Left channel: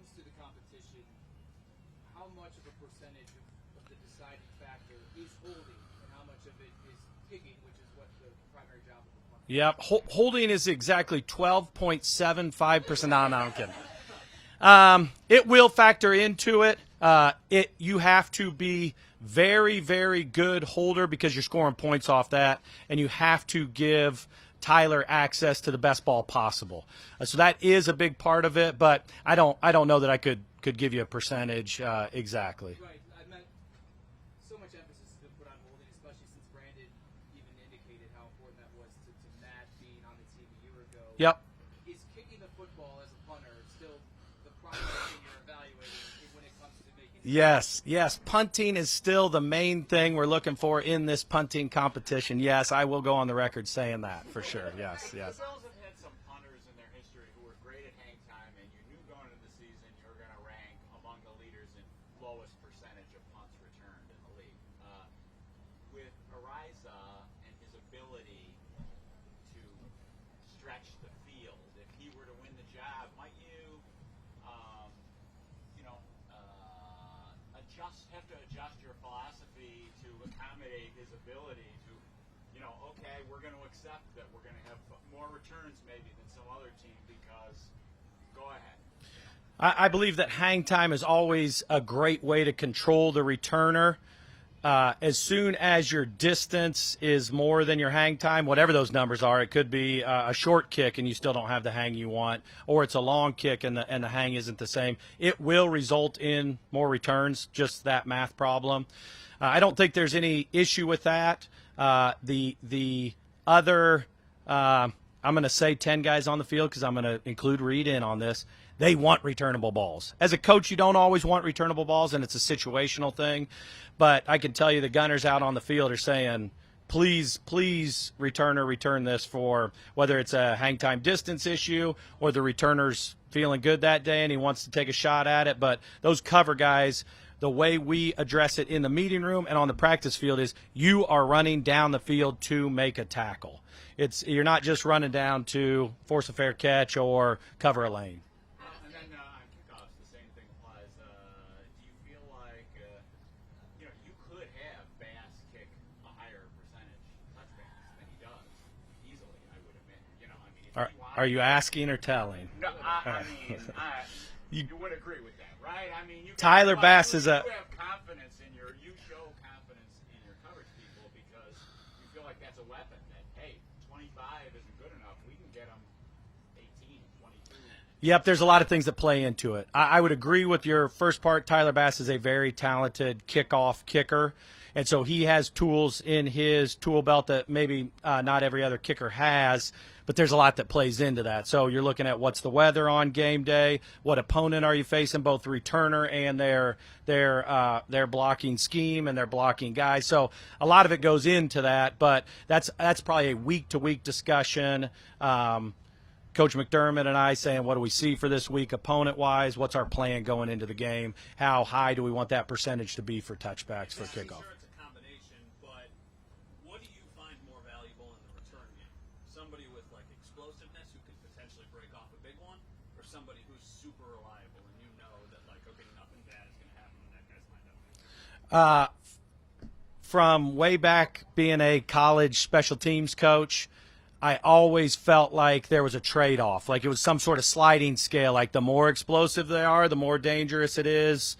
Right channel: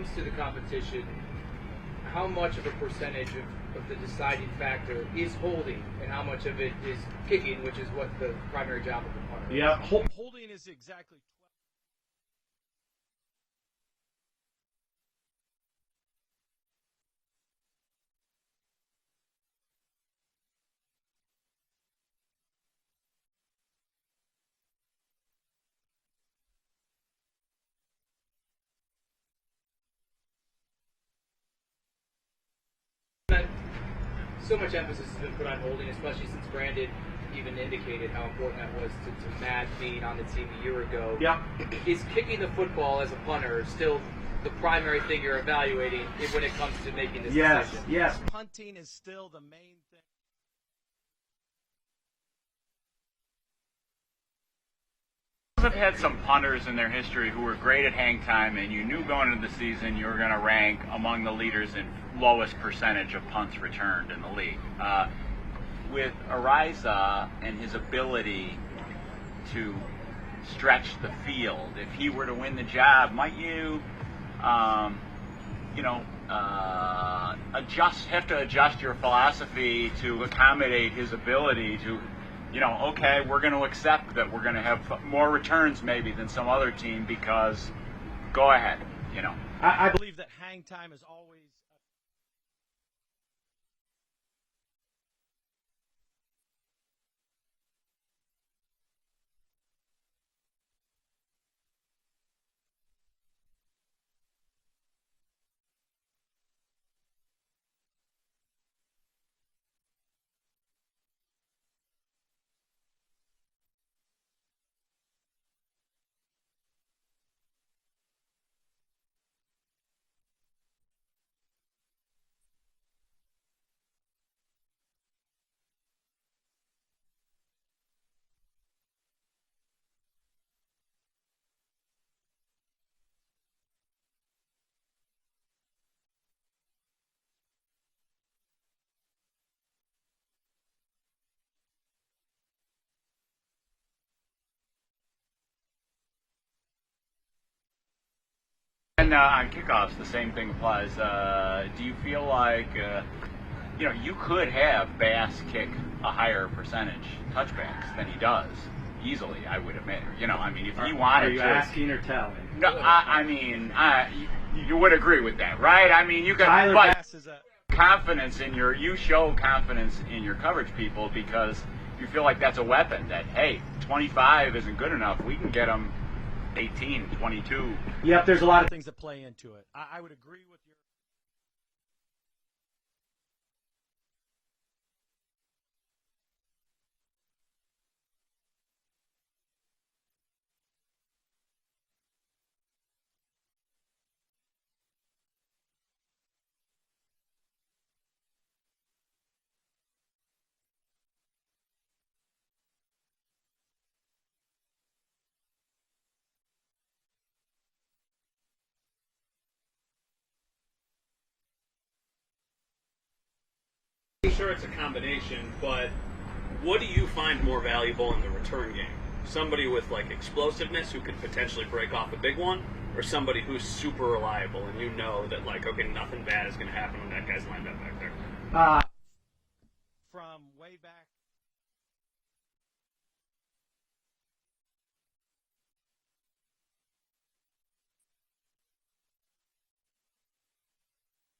comes to the competition, how much of a percentage of the deciding factor is holding, and how much of it is kicking, which is what the primary job of the punter? Yeah, holding is exactly 12.75%. No, I'm kidding. It will factor into it. You have to be very, very good holder because you're scoring points off that, and you have to give Tyler access to the best ball possible. So that is a big part of it, but I don't know that I could give you a percentage exactly. Right. So much emphasis has been put on holding, especially since Brandon even indicated how important that was to Matt being on the team a year ago. Yep. Is kicking the football as a punter still the primary thing you're evaluating when it comes to making this decision? Yes. Punting is still the main thing we're looking for in this punting competition. Yes, I will go on the record saying that for sure. Yes. Have had some punters in their history who were great at hang time, and you knew going into the season you were going to rank among the leaders in lowest percentage of punts returned in the league. With Ariza and his ability to stretch the field, if he were to win the job, might you have to adjust your philosophy to accommodate his ability to, okay, we're going to accept that we're going to have more returns maybe than some other team because go ahead, I believe that hang time is always a great way to control the returner. As soon as your distance is more than your hang time, whatever those numbers are, it could be a short kick and you still don't have the hang you want, or it's a long kick and the hang isn't the same. It will result in more returns, just that math problem. I don't think there's any issue with that. The other, I'm going to say 10 guys on the field because I'm going to include Reed in on this. They want returnable balls. As a coach, you don't always want returnable balls, and it's a situational thing. But I can tell you the gunners out on the field are saying, please, returner, return this, for whether it's a hang time distance issue or the returner's feeling good that day and he wants to take a shot at it. But those cover guys, the way we address it in the meeting room and on the practice field is you are running down the field to make a tackle. You're not just running down to force a fair catch or cover a lane. And on kickoffs, the same thing applies. Do you feel like, you could have Bass kick a higher percentage touchbacks than he does, easily, I would admit. If he wanted to. Are you asking or telling? No, you would agree with that, right? You got Tyler Bass is you show confidence in your coverage people because you feel like that's a weapon that, hey, 25 isn't good enough. We can get them 18, 22. Yep, there's a lot of things that play into it. I would agree with your first part. Tyler Bass is a very talented kickoff kicker, and so he has tools in his tool belt that maybe not every other kicker has, but there's a lot that plays into that. So you're looking at what's the weather on game day, what opponent are you facing, both the returner and their blocking scheme and their blocking guys. So a lot of it goes into that, but that's probably a week-to-week discussion. Coach McDermott and I saying, what do we see for this week opponent-wise? What's our plan going into the game? How high do we want that percentage to be for touchbacks for kickers? I'm sure it's a combination, but what do you find more valuable in the return game? Somebody with, explosiveness who could potentially break off a big one, or somebody who's super reliable and you know that, okay, nothing bad is going to happen when that guy's lined up back there? From way back being a college special teams coach, I always felt like there was a trade-off, like it was some sort of sliding scale, like the more explosive they are, the more dangerous it is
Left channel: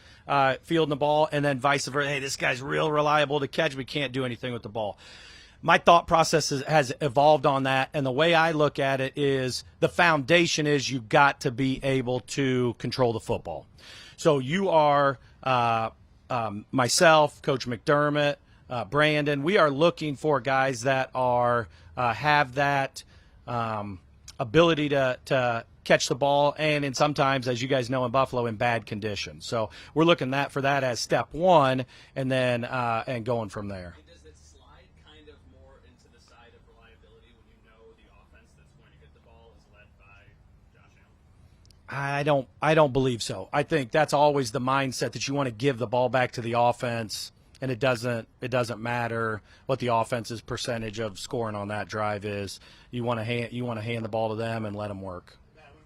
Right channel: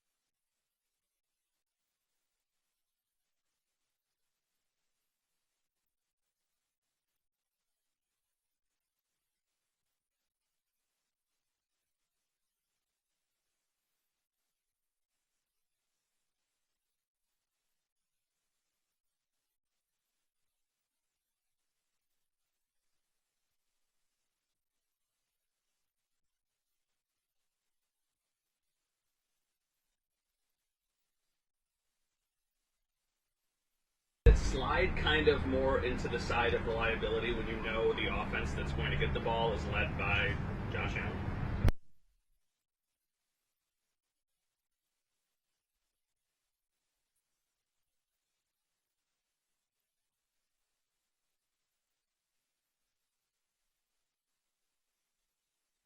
fielding the ball, and then vice versa. Hey, this guy's real reliable to catch. We can't do anything with the ball. My thought process has evolved on that, and the way I look at it is the foundation is you've got to be able to control the football. So you are myself, Coach McDermott, Brandon, we are looking for guys that are have that ability to catch the ball, and sometimes, as you guys know in Buffalo, in bad conditions. So we're looking for that as step one, and then and going from there. Does it slide kind of more into the side of reliability when you know the offense that's going to get the ball is led by Josh Allen? I don't believe so. I think that's always the mindset that you want to give the ball back to the offense, and it doesn't matter what the offense's percentage of scoring on that drive is. You want to hand the ball to them and let them work.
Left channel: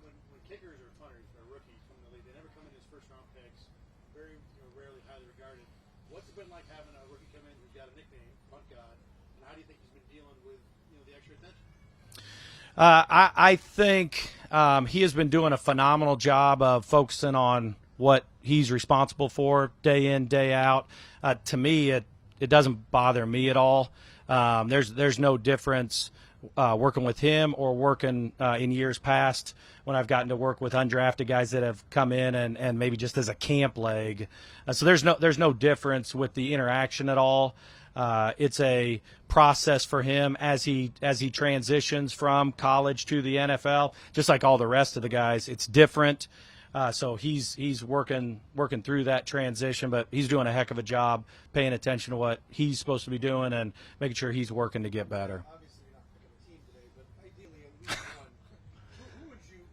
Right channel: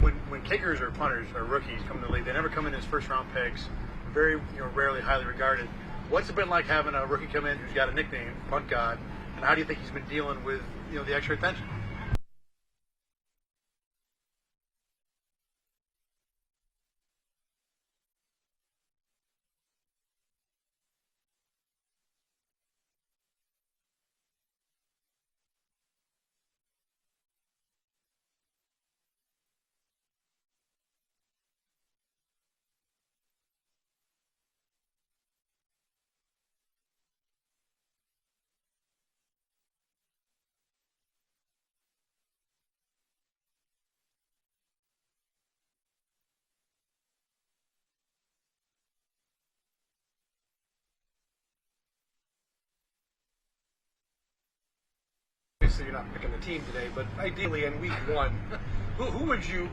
when kickers or punters or rookies come in the league, they never come in as first-round picks. Very, rarely highly regarded. What's it been like having a rookie come in who's got a nickname, Punt God, and how do you think he's been dealing with the extra attention? I think he has been doing a phenomenal job of focusing on what he's responsible for day in, day out. To me, it doesn't bother me at all. There's no difference working with him or working in years past when I've gotten to work with undrafted guys that have come in and maybe just as a camp leg. So there's no difference with the interaction at all. It's a process for him as he transitions from college to the NFL, just like all the rest of the guys. It's different. So he's working through that transition, but he's doing a heck of a job paying attention to what he's supposed to be doing and making sure he's working to get better. Obviously, you're not picking the team today, but ideally in week one, who would you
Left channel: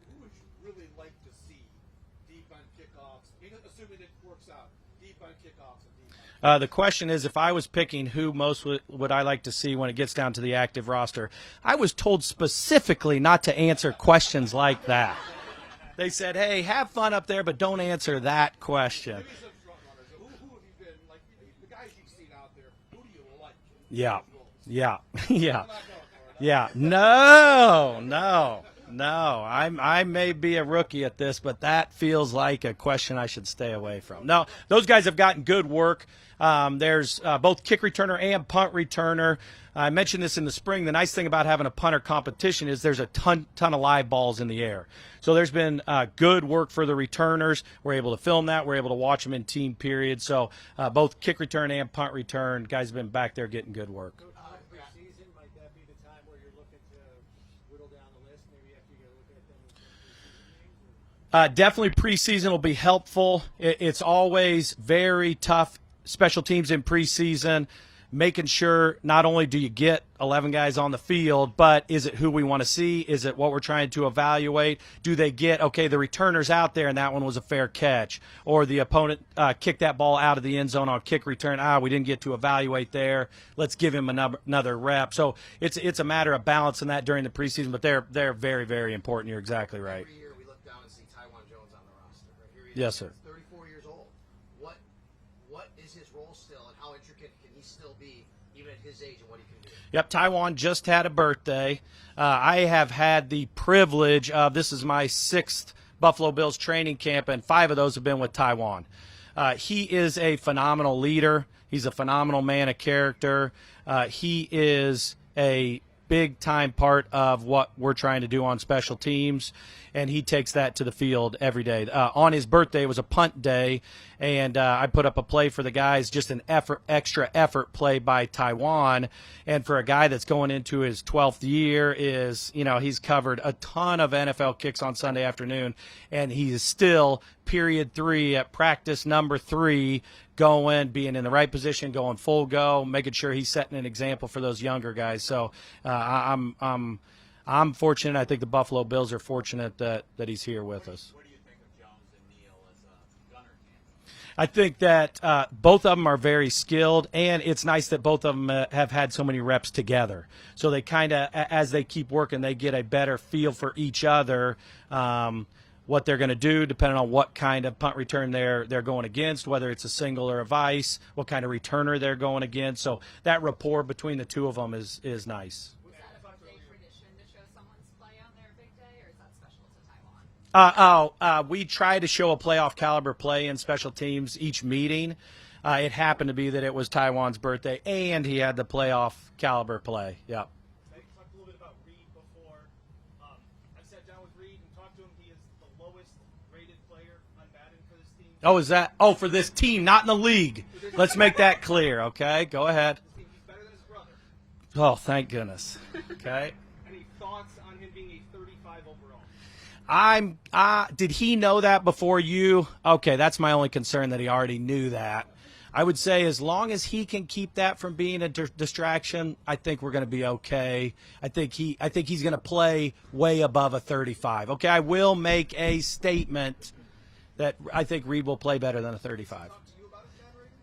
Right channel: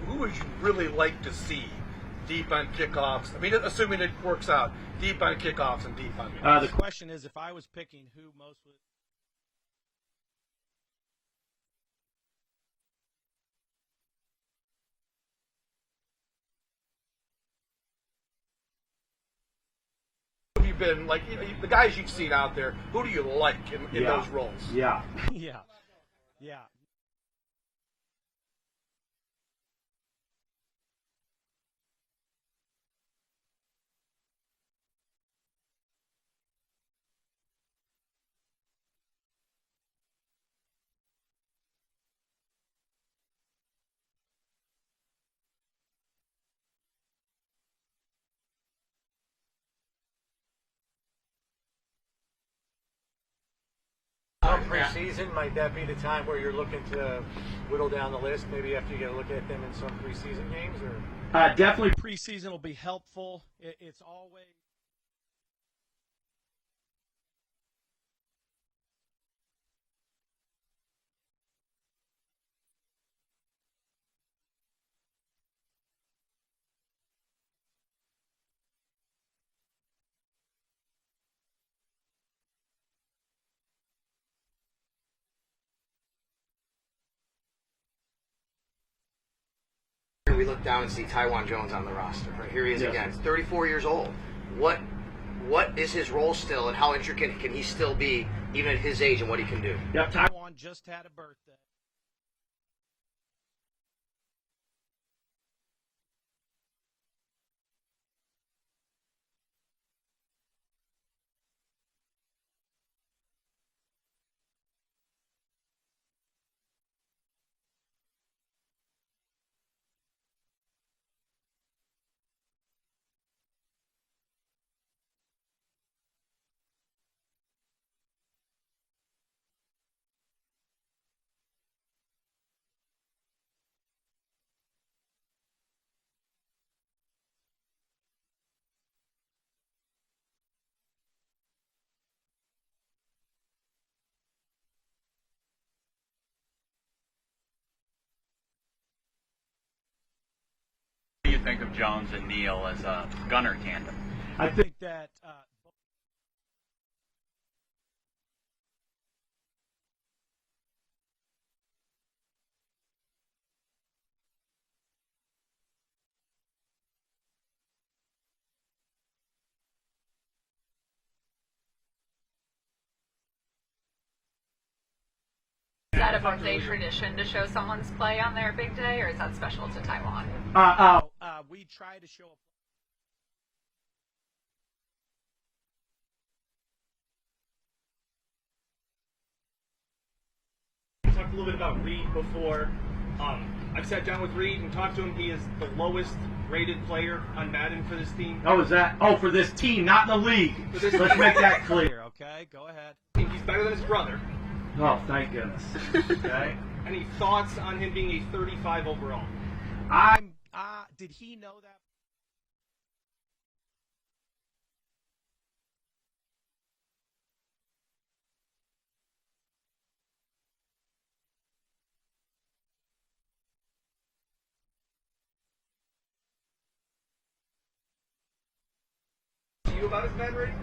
really like to see deep on kickoffs? I mean, assuming it works out, deep on kickoffs and deep on. The question is, if I was picking who most would I like to see when it gets down to the active roster, I was told specifically not to answer questions like that. They said, hey, have fun up there, but don't answer that question. Who have you been, like, the guys you've seen out there, who do you like in those roles? Yeah. No. I may be a rookie at this, but that feels like a question I should stay away from. No, those guys have gotten good work. There's both kick returner and punt returner. I mentioned this in the spring. The nice thing about having a punter competition is there's a ton of live balls in the air. So there's been good work for the returners. We're able to film that. We're able to watch them in team periods. So both kick return and punt return, guys have been back there getting good work. Preseason, might that be the time where you're looking to whittle down the list, maybe after you get a look at them in some preseason games? Or Definitely preseason will be helpful. It's always very tough, special teams in preseason, making sure not only do you get 11 guys on the field, but is it who we want to see? Is it what we're trying to evaluate? Do they get, okay, the returner's out there and that one was a fair catch, or the opponent kicked that ball out of the end zone on kick return. We didn't get to evaluate there. Let's give him another rep. So it's a matter of balancing that during the preseason, but they're very, very important. You're exactly right. Here we look down and see Taiwan Jones on the roster. Right here he is again. He's 34 years old. What is his role still, and how intricate can he still be, even at his age, and what he can do? Yep, Taiwan just had a birthday. I have had the privilege of, this is my 6th Buffalo Bills training camp, and 5 of those have been with Taiwan. He is a phenomenal leader. He's a phenomenal man of character. He is a big-time part of what we're trying to do on special teams, and he takes that to the field every day. On his birthday, it was a punt day, and I put up a play for the guys, just an extra effort play by Taiwan. And for a guy that's going into his 12th year, he's covered a ton of NFL kicks on Sunday afternoon, and he is still period 3 at practice number 3, going, being in the right position, going full go, making sure he's setting an example for those younger guys. So I'm fortunate. I think the Buffalo Bills are fortunate that he's here with us. What do you think of Jones and Neal as a gunner tandem? I think that both of them are very skilled, and it's nice that both of them have had so many reps together. So they kind of, as they keep working, they get a better feel for each other, what they're going to do, depending on what kind of punt return they're going against, whether it's a single or a vice, what kind of returner they're going against. So that rapport between the two of them is nice. Is that a birthday tradition to show someone's play on their big day, or is that special to Taiwan? We try to show a playoff caliber play in special teams each meeting. It happened to be that it was Taiwan's birthday, and he had the playoff caliber play. Yep. You talked a little bit about Reed before. I've sat down with Reed and talked to him. He is the lowest rated player on Madden for this team. Oh, is that? Oh, for this team, not in the league. Let's make that clear, okay? Go ahead. He's better than his brother. Oh, thank goodness. Okay. Any thoughts on him being a 35 overall? Did he know that before you? Okay, that's my only concern, that he already knew that. I would say as long as he can keep that from being a distraction, I think we're going to be okay. I think he's going to play way above a 35. Okay, I will make a statement that I think Reed will play better than a 35. Do you about his bad rating?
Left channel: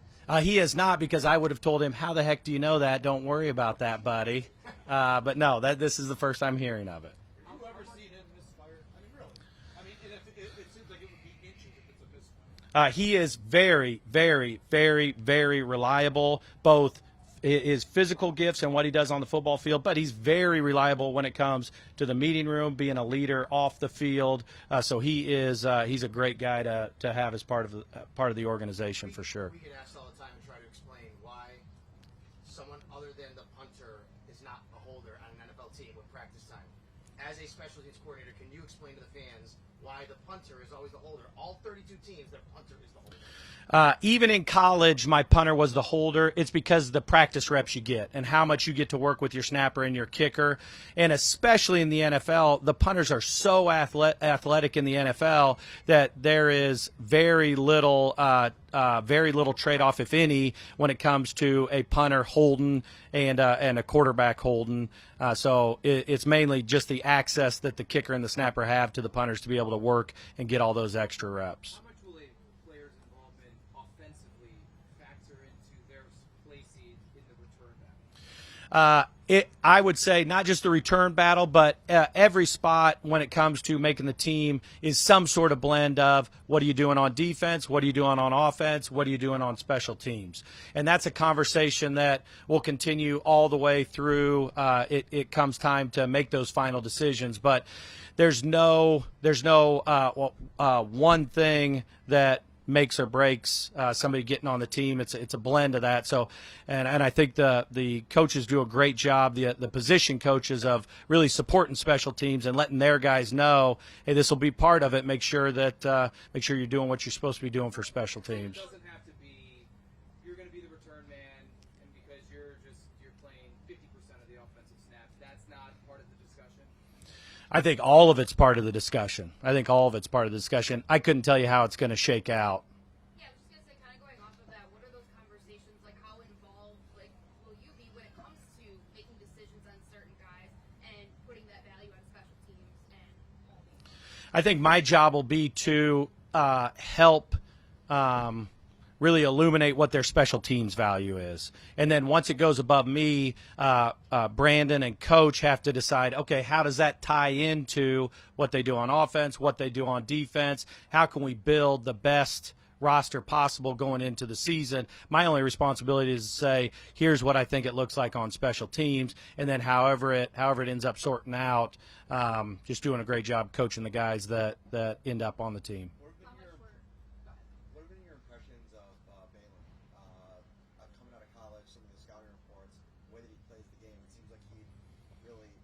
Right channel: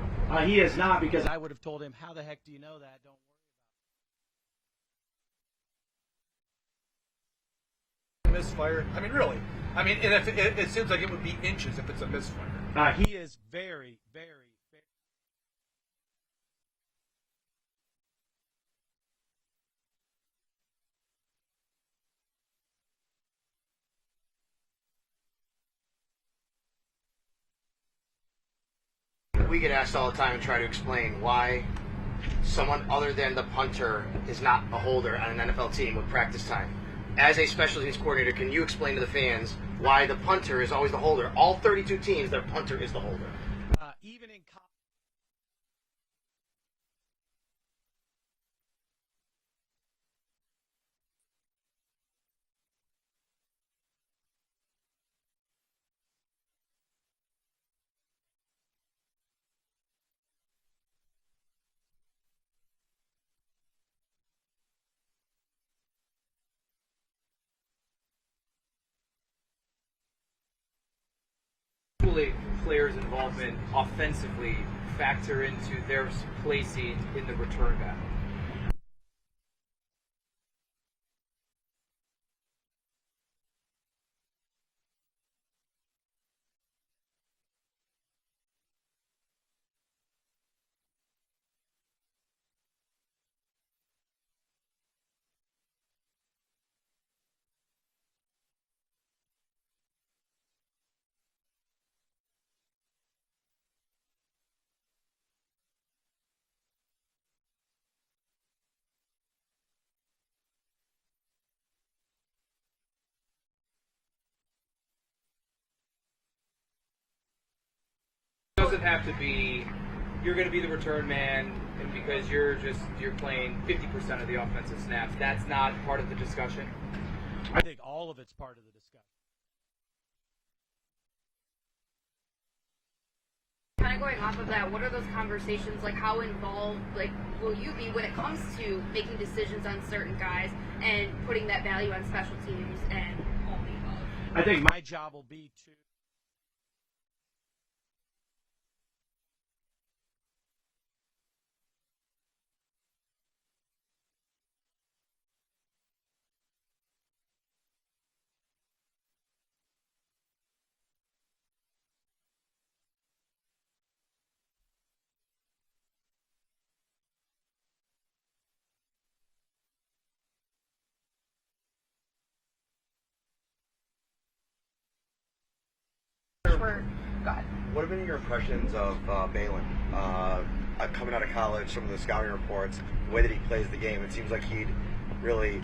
He is not, because I would have told him, how the heck do you know that? Don't worry about that, buddy. But no, this is the first I'm hearing of it. Have you ever seen him misfire? I mean, really, I mean, and it seems like it would be inches if it's a misfire. He is very, very, very, very reliable, both his physical gifts and what he does on the football field, but he's very reliable when it comes to the meeting room, being a leader off the field. So he's a great guy to have as part of the organization for sure. We get asked all the time and try to explain why someone other than the punter is not a holder on an NFL team with practice time. As a special teams coordinator, can you explain to the fans why the punter is always the holder? All 32 teams, their punter is the holder. Even in college, my punter was the holder. It's because of the practice reps you get and how much you get to work with your snapper and your kicker. And especially in the NFL, the punters are so athletic in the NFL that there is very little trade-off, if any, when it comes to a punter holding and a quarterback holding. So it's mainly just the access that the kicker and the snapper have to the punters to be able to work and get all those extra reps. Will a player's involvement offensively factor into their placing in the return battle? I would say not just the return battle, but every spot when it comes to making the team is some sort of blend of what are you doing on defense, what are you doing on offense, what are you doing on special teams. And that's a conversation that will continue all the way through it comes time to make those final decisions. But there's no one thing that makes or breaks somebody getting on the team. It's a blend of that. So, and I think the coaches do a great job, the position coaches, of really supporting special teams and letting their guys know, hey, this will be part of it. Make sure you're doing what you're supposed to be doing for special teams. It doesn't have to be you're going to be the return man, and because you're playing 50% of the offensive snaps. That's not part of the discussion. I think all of it's part of the discussion. I couldn't tell you how it's going to shake out. Yeah, kind of going off of that, what are those conversations like? How involved will you be when it comes to making decisions on certain guys and putting that value on special teams and only? I think my job will be to help really illuminate what their special teams value is. And then once it goes above me, Brandon and coach have to decide, okay, how does that tie into what they do on offense, what they do on defense? How can we build the best roster possible going into the season? My only responsibility is to say, here's what I think it looks like on special teams, and then however it ends up sorting out, just doing a great job coaching the guys that end up on the team. What have been your impressions of Balin? Coming out of college, some of the scouting reports, the way that he plays the game, it seems like he'd really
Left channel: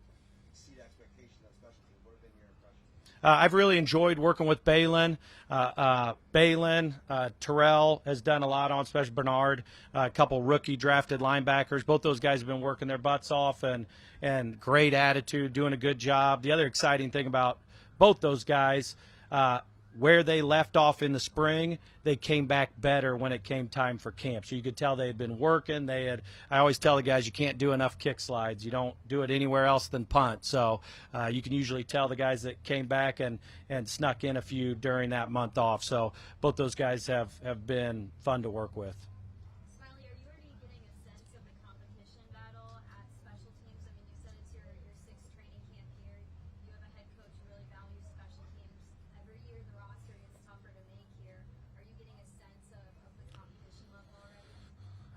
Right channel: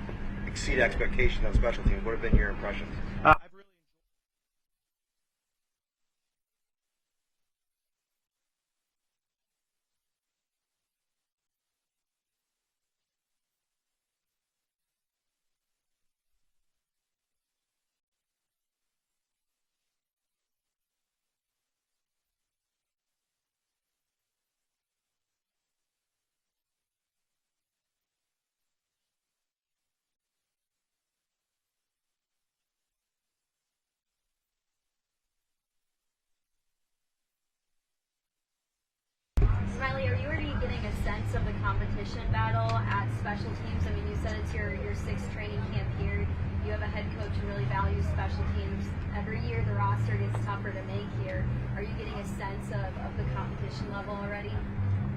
exceed expectations on special teams. What have been your impressions? I've really enjoyed working with Balin. Terrell has done a lot on special. Bernard, a couple rookie drafted linebackers. Both those guys have been working their butts off and great attitude, doing a good job. The other exciting thing about both those guys, where they left off in the spring, they came back better when it came time for camp. So you could tell they had been working. I always tell the guys, you can't do enough kick slides. You don't do it anywhere else than punt. So you can usually tell the guys that came back and snuck in a few during that month off. So both those guys have been fun to work with. Smiley, are you already getting a sense of the competition battle at special teams? I mean, you said it's your sixth training camp here. You have a head coach who really values special teams. Every year the roster gets tougher to make here. Are you getting a sense of the competition level already?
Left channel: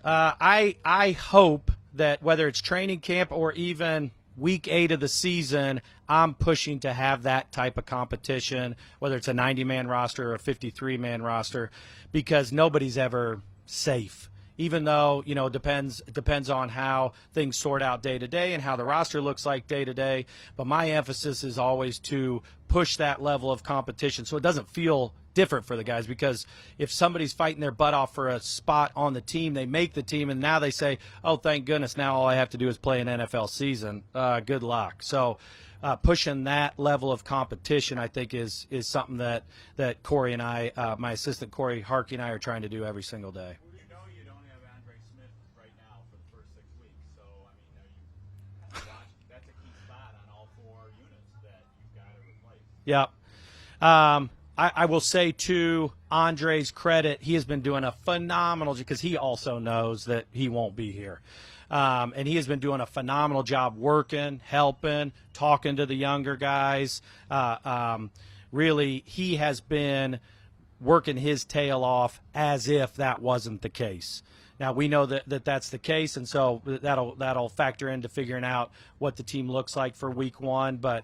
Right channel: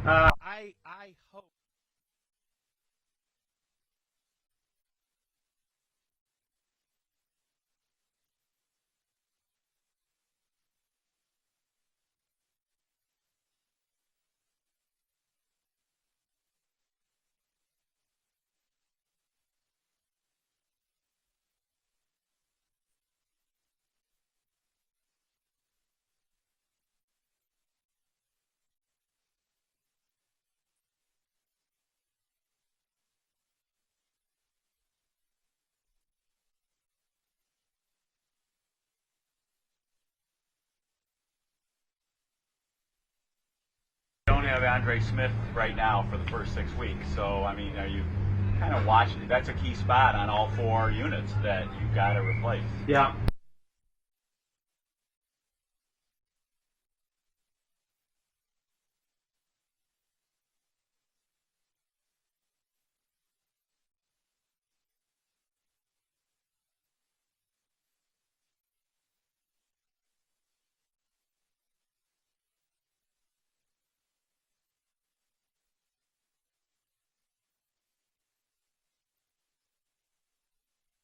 I hope that whether it's training camp or even week 8 of the season, I'm pushing to have that type of competition, whether it's a 90-man roster or a 53-man roster, because nobody's ever safe. Even though, it depends on how things sort out day to day and how the roster looks like day to day. But my emphasis is always to push that level of competition so it doesn't feel different for the guys, because if somebody's fighting their butt off for a spot on the team, they make the team, and now they say, oh, thank goodness, now all I have to do is play an NFL season. Good luck. So pushing that level of competition, I think, is something that Corey and I, my assistant Corey Harkey and I, are trying to do every single day. Don't have Andre Smith right now for the first 6 weeks. So, I mean, are you kind of watching? That's a key spot on all 4 units that you've got to replace. Yeah. I will say, to Andre's credit, he has been doing a phenomenal, because he also knows that he won't be here. And he has been doing a phenomenal job working, helping, talking to the younger guys. really he has been working his tail off as if that wasn't the case. Now we know that that's the case, and so that'll factor into figuring out what the team looks like for week 1. But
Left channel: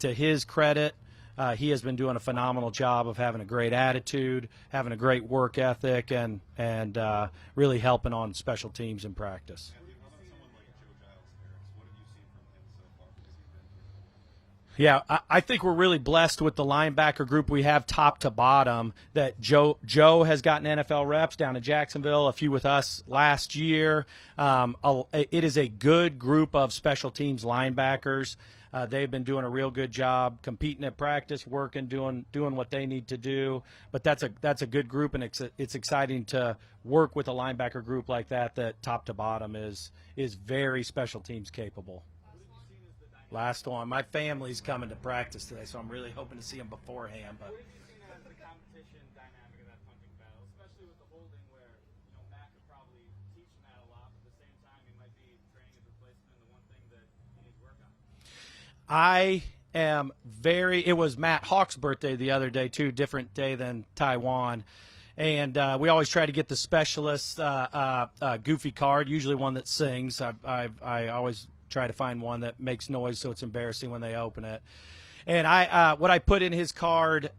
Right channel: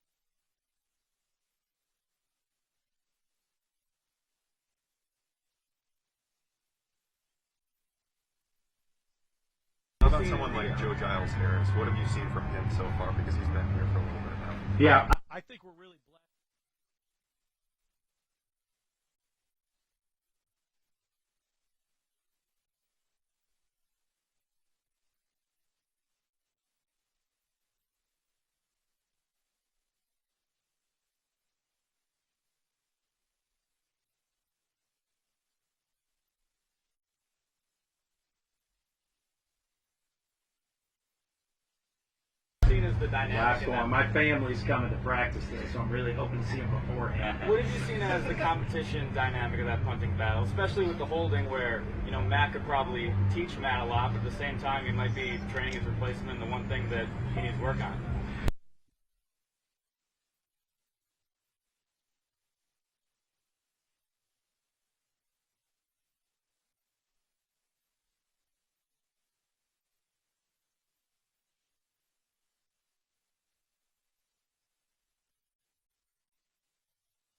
to his credit, he has been doing a phenomenal job of having a great attitude, having a great work ethic, and really helping on special teams in practice. How about someone like Joe Giles Harris? What have you seen from him so far? Because he's been here for a little bit now. Yeah, I think we're really blessed with the linebacker group we have top to bottom. That Joe has gotten NFL reps down in Jacksonville, a few with us last year. It is a good group of special teams linebackers. They've been doing a real good job competing at practice, working, doing what they need to do. But that's a good group, and it's exciting to work with a linebacker group like that top to bottom is very special teams capable. Seen as the dynamic. Last one. My family's coming to practice today, so I'm really hoping to see them beforehand. What have you seen as the competition dynamic of that punting battle, especially with the holding, where Matt could probably teach Matt a lot, but at the same time he might be training his replacement in the one thing that he needs to work on? It was Matt Hawk's birthday the other day too, different day than Taiwan. And we always try to get the specialist goofy card, usually one that sings. I always try to find one that makes noise so it's embarrassing when they open it. And what I put in his card,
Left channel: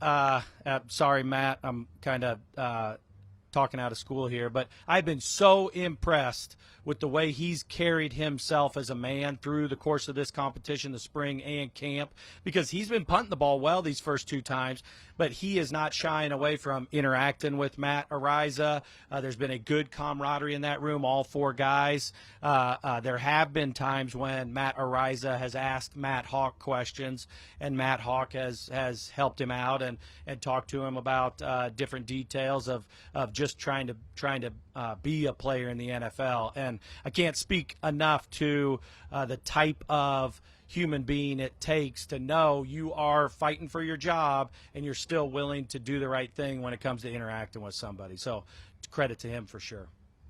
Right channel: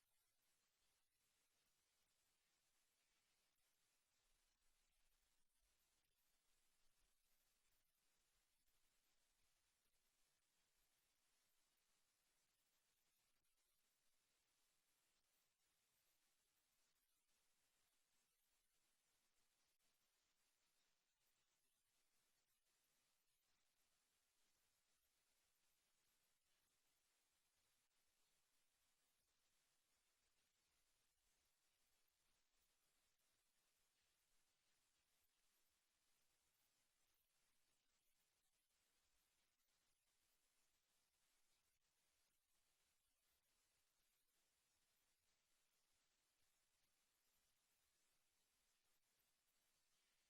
sorry, Matt, I'm kind of talking out of school here, but I've been so impressed with the way he's carried himself as a man through the course of this competition, the spring and camp, because he's been punting the ball well these first 2 times, but he is not shying away from interacting with Matt Ariza. There's been a good camaraderie in that room, all 4 guys. There have been times when Matt Ariza has asked Matt Hawk questions, and Matt Hawk has helped him out and talked to him about different details of just trying to be a player in the NFL. And I can't speak enough to the type of human being it takes to know you are fighting for your job and you're still willing to do the right thing when it comes to interacting with somebody. So credit to him for sure.